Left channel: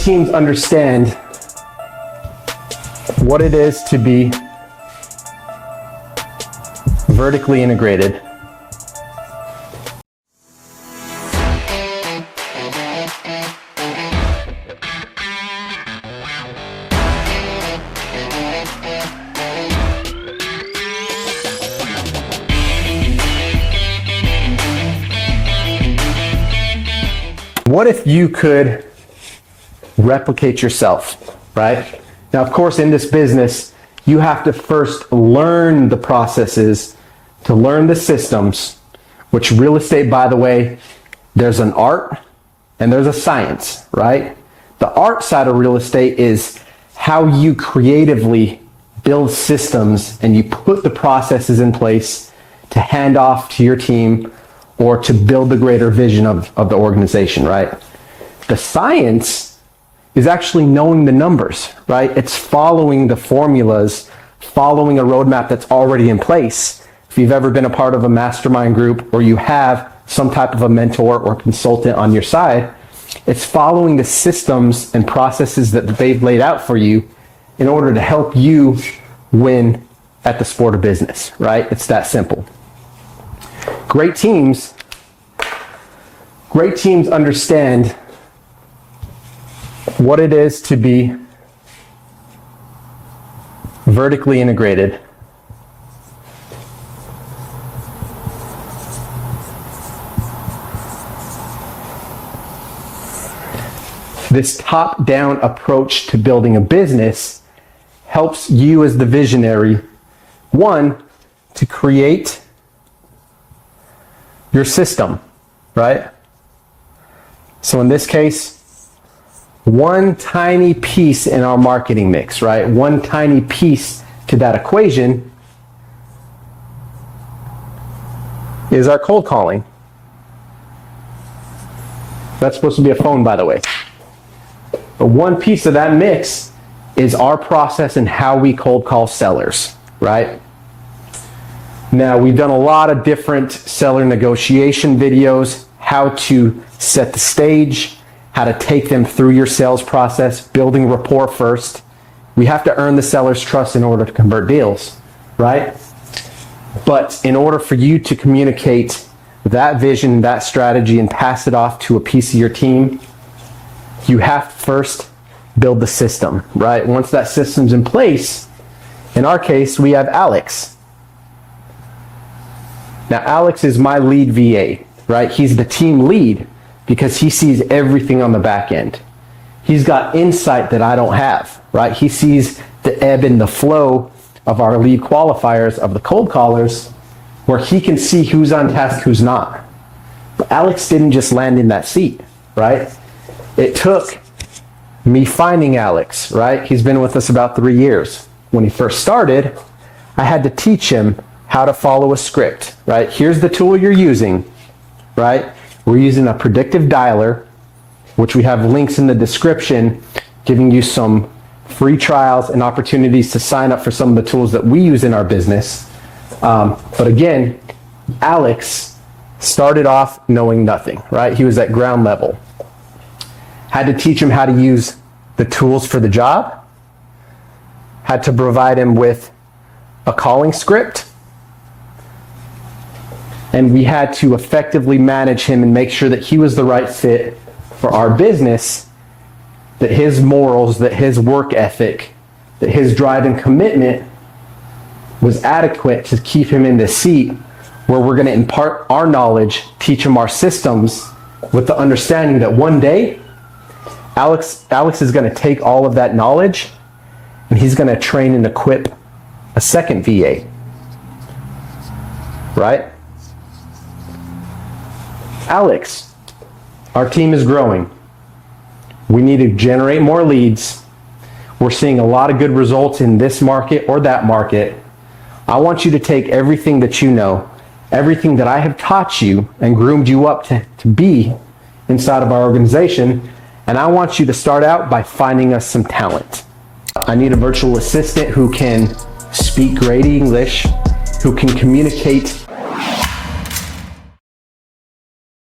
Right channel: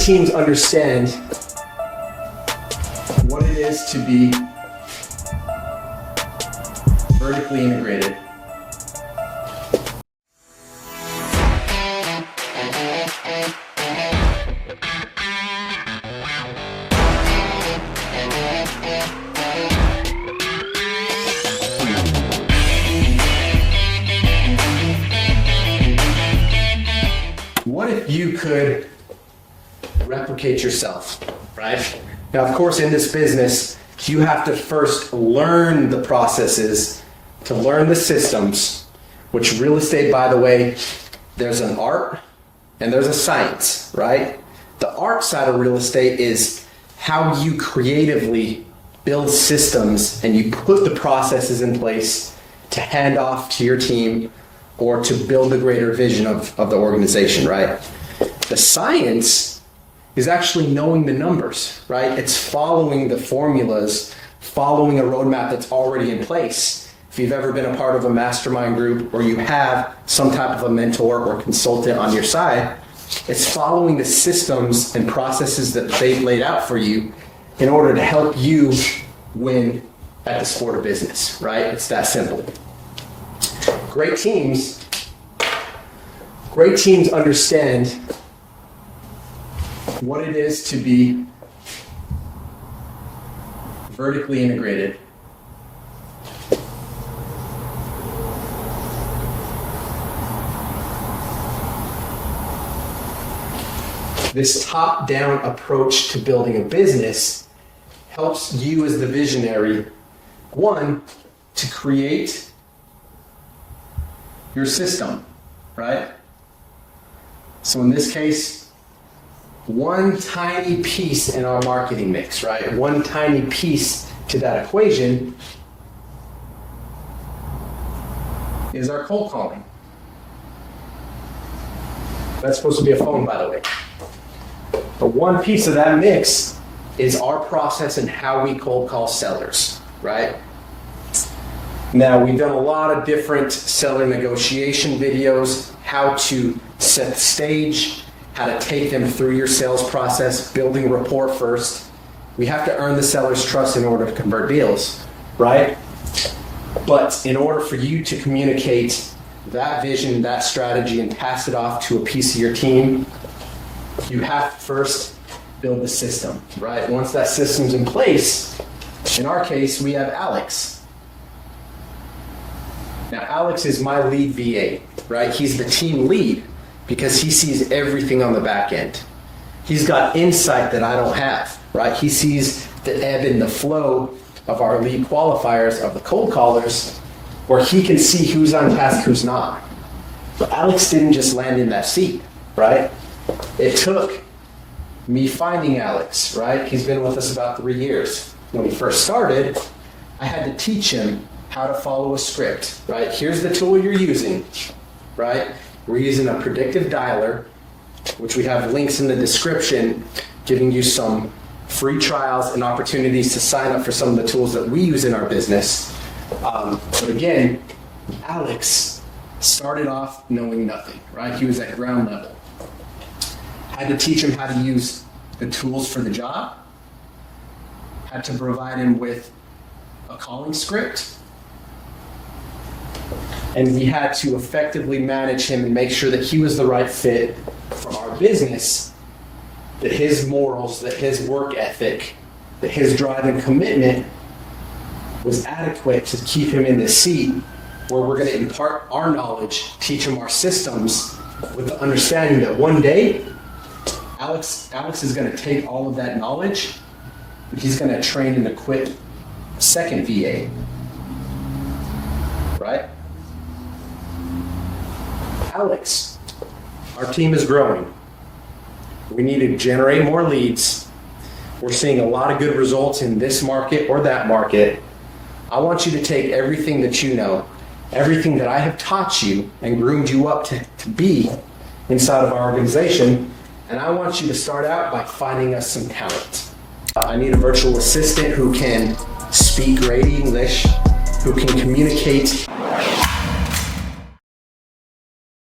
teams understand what it is to be vertically integrated. What if you could replicate yourself, right? Now, of course, in this business, you have to first learn the processes, to learn the systems, which real estate, by the way, there's an art and there's a science, right? The art side of real estate is how you creatively build systems and you put the processes in place to hand off to your team or to build the greater vision of the organization, right? The science is actually knowing the numbers, right? It's following the formulas, following a roadmap that's already in place. If you've ever been a part of a mastermind group or you have some type of a mentor or consultant on your side, it's following the systems and processes that they've laid out for you in order to help you win at the sport of business, right? It's that simple. Great teams understand what it is to be vertically integrated. This top-down approach to building a business helps you as the visionary, one, to create your system, right? So in this case, one tiny piece in our marketing mix, right? One tiny piece to that equation is our cold calling. That's supposed to be a phone, by the way. But one piece of that mix is our process and how we cold call sellers, right? Now, we've done a lot of different seller negotiation videos, how to set the stage, how to take them through your sales process, building rapport first. We have to earn the seller's trust in order to convert deals, right? But in order for you to communicate that vision, that strategy, and pass it off to a piece of your team, you have to first build the system, right? Once that system's in place, in our case, we have Alex. Now, Alex is my lead VA, right? He's the team lead because he sees everything on the back end. He's got insight that I don't have, right? He sees the ebb and the flow of our lead qualifiers, of the cold callers, where he can see who's on task, who's not. But Alex didn't just land in that seat, right? It took me finding Alex, right? He's been with us about 3 years. When he first started, I had to teach him how to follow a script, right? Here's the tool you're using, right? We're using a predictive dialer, which we have links in the description, giving you some free trials and opportunities to sign up for some of the tools that we use in our business. But again, Alex started off knowing nothing, right? He was at ground level. Had to teach him how to use the tools for the job, had to provide him with a calling script, and we had to effectively manage him and make sure that he was the right fit for our business, that his morals, that his work ethic, that his drive and commitment was adequate to keep him in the seat where we're going to impart our knowledge, teach him our systems, with the understanding that one day Alex is going to take all of that knowledge and he's going to train and equip a second VA, right? Alex, our team is growing. We need to generate more leads. We're seeing a lot of good results in this market or that market. I want you to take everything that you know, everything that I have taught you and groomed you up to be inside of our organization, and I want you to start out by finding us some talent. I need a virtual assistant who can speak great English, who can communicate